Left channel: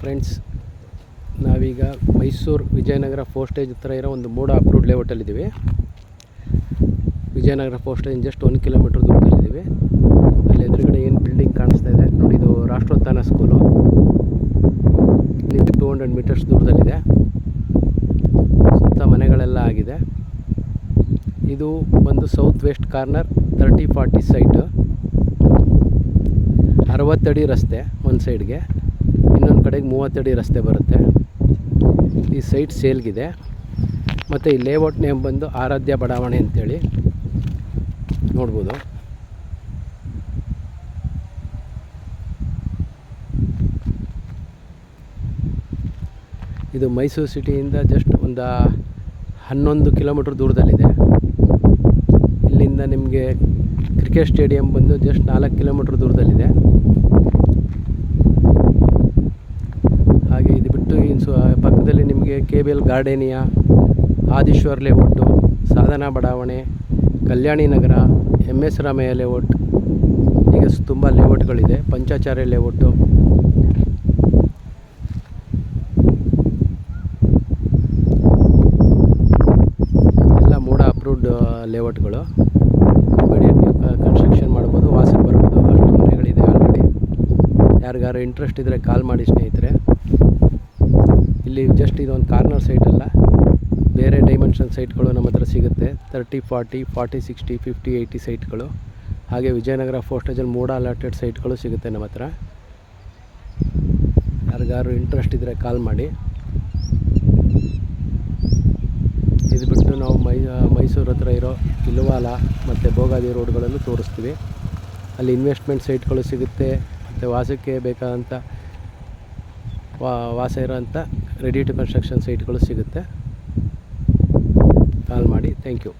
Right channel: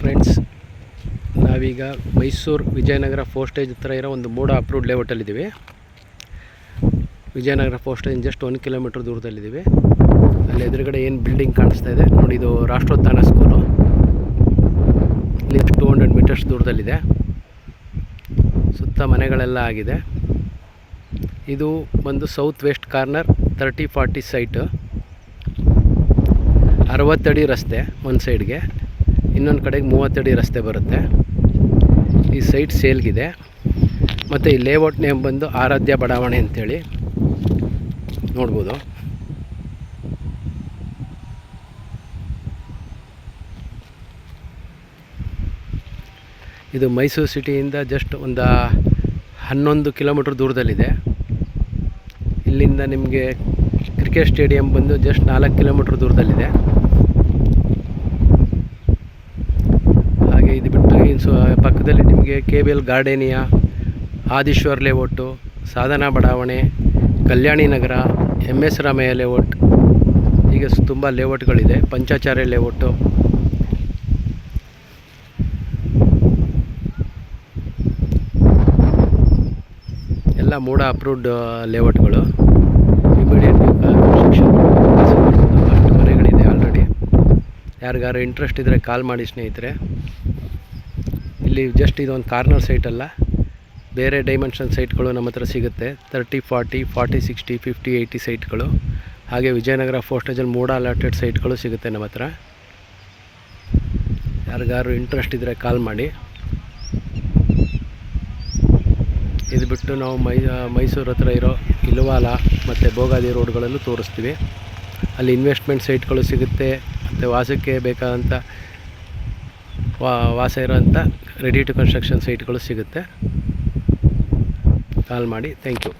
Friends, ನಾವೀಗ Mysuru Vijayanagara postage ಹತ್ರ ಇರೋ ಒಂದು ಮೂಡ ಅಪ್ರೂವ್ಡ್ ಲೇಔಟಲ್ಲಿದ್ದೀವಿ. ವಿಜಯನಗರ ಪೋಸ್ಟೇಜ್ ಜಸ್ಟ್ 1 ಕಿಲೋಮೀಟ್ರ್ ದೂರದಲ್ಲಿದ್ದೀವಿ. ಅಲ್ಲಿ ಎದುರುಗಡೆ ಏನು ಬಿಲ್ಡಿಂಗ್ ಕಾಣಿಸ್ತಾ ಇದೆ ನೋಡಿ, ಇದು ರಾಷ್ಟ್ರೋತ್ಥಾನ ಸ್ಕೂಲು. ಇಲ್ಲಿ 200 ಮೀಟರ್ಸ್ ದೂರದಲ್ಲಿದೆ. ಸುತ್ತ ಮನೆಗಳೆಲ್ಲ ಆಗಿದೆ. ಇದು ಬಂದು ಸೌತ್ ವೆಸ್ಟ್ ಕಾರ್ನರ್ 30-40 ಸೈಟು. 60 ಅಡಿ ರಸ್ತೆ ಒಂದು ಸೈಡ್ಗೆ, ಇನ್ನೊಂದು ಕಡೆಗೆ 30 ಅಡಿ ರಸ್ತೆ ಬರುತ್ತೆ. ಈ ಸೈಟ್ ಸೇಲ್ಗಿದೆ. ಮತ್ತು ಈ ಲೇಔಟ್ ನೇಮ್ ಬಂದು ಆರಾಧ್ಯ ಬಡಾವಣೆ ಅಂತೇಳಿ ನೋಡ್ಬೋದು. ಇದು ಮೈಸೂರು ಸಿಟಿಯಿಂದ ಜಸ್ಟ್ ಒಂದು 11 ಕಿಲೋಮೀಟ್ರ್ ದೂರದಲ್ಲಿದೆ. ಇಲ್ಲಿಂದ ನಿಮಗೆ ಕ್ರಿಕೆಟ್ ಸ್ಟೇಡಿಯಂ ಬಂದು ಜಸ್ಟ್ 4 ಕಿಲೋಮೀಟ್ರ್ ದೂರದಲ್ಲಿದೆ. ಹಾಗೆ ಇದು ಬಿಟ್ಟು ಇನ್ನು ಪಕ್ಕದಲ್ಲಿ ನಿಮಗೆ KBL ಗಾರ್ಡೇನಿಯಾ, ಆದಿಶ್ವರ್ ಲೇಔಟು, ಸಾಧನಾ ಬಡಾವಣೆ, ಕಲ್ಯಾಣಿ ನಗರ, MS ರಾಮಯ್ಯ ಲೇಔಟ್, ಹೀಗೆ ತುಂಬ ಲೇಔಟ್ಗಳಿದೆ. ಪಂಚಾಚಾರ್ಯ ಲೇಔಟು, ಎಲ್ಲ ಮೂಡ ಅಪ್ರೂವ್ಡ್ ಲೇಔಟ್ಗಳು. ಇಮಿಡಿಯೇಟ್ ಕನ್ಸ್ಟ್ರಕ್ಷನ್ ಅಷ್ಟು ಮನೆಗಳಿದೆ ಆಲ್ರೆಡಿ. ಯಾರಿಗಾರು ಇಂಟ್ರೆಸ್ಟ್ ಇದ್ದರೆ ಕಾಲ್ ಮಾಡಿ ಸ್ನೇಹಿತರೆ. ಇಲ್ಲಿ ಜಸ್ಟ್ ಇದೊಂದು ಕಾರ್ನರ್ ಸೈಟ್ ಅಲ್ಲ, ಬೇರೆ ಡೈಮೆನ್ಷನ್ ಸೈಟ್ಗಳು ನಮ್ಮ ಹತ್ರ ಸಿಗುತ್ತೆ. 30, 40, 40, 60, 50, 80 ಸೈಟ್ಗಳು. ಹಾಗೆ ವಿಜಯನಗರ ಪೋಸ್ಟೇಜಲ್ಲಿ ಮೂಡ ಅಲಾಟೆಡ್ ಸೈಟ್ಗಳು ಸಿಗುತ್ತೆ ನಮ್ಮ ಹತ್ರ. ಯಾರಿಗಾರು ಇಂಟ್ರೆಸ್ಟ್ ಇದ್ದರೆ ಕಾಲ್ ಮಾಡಿ. ಇದು ಬಿಟ್ಟು ನಾವು ಮೈಸೂರು ಹತ್ರ ಇರೋ ಇಲ್ವಾಲ ಮತ್ತು ಭೋಗಾದಿ ರೋಡ್ಗಳಲ್ಲೂ ತೋರಿಸ್ತೀವಿ. ಅಲ್ಲಿ ಇನ್ವೆಸ್ಟ್ಮೆಂಟ್ ಸೈಟ್ಗಳು ಸಿಗುತ್ತೆ. ಮತ್ತು ವಾಸಕ್ಕೆ ಬೇಕಾದಂಥ ವಾಸ ಇರೋಂಥ ರೆಡಿ ಟು ಕನ್ಸ್ಟ್ರಕ್ಷನ್ ಸೈಟ್ಗಳು ಸಿಗುತ್ತೆ. ಕಾಲ್ ಮಾಡಿ. Thank you.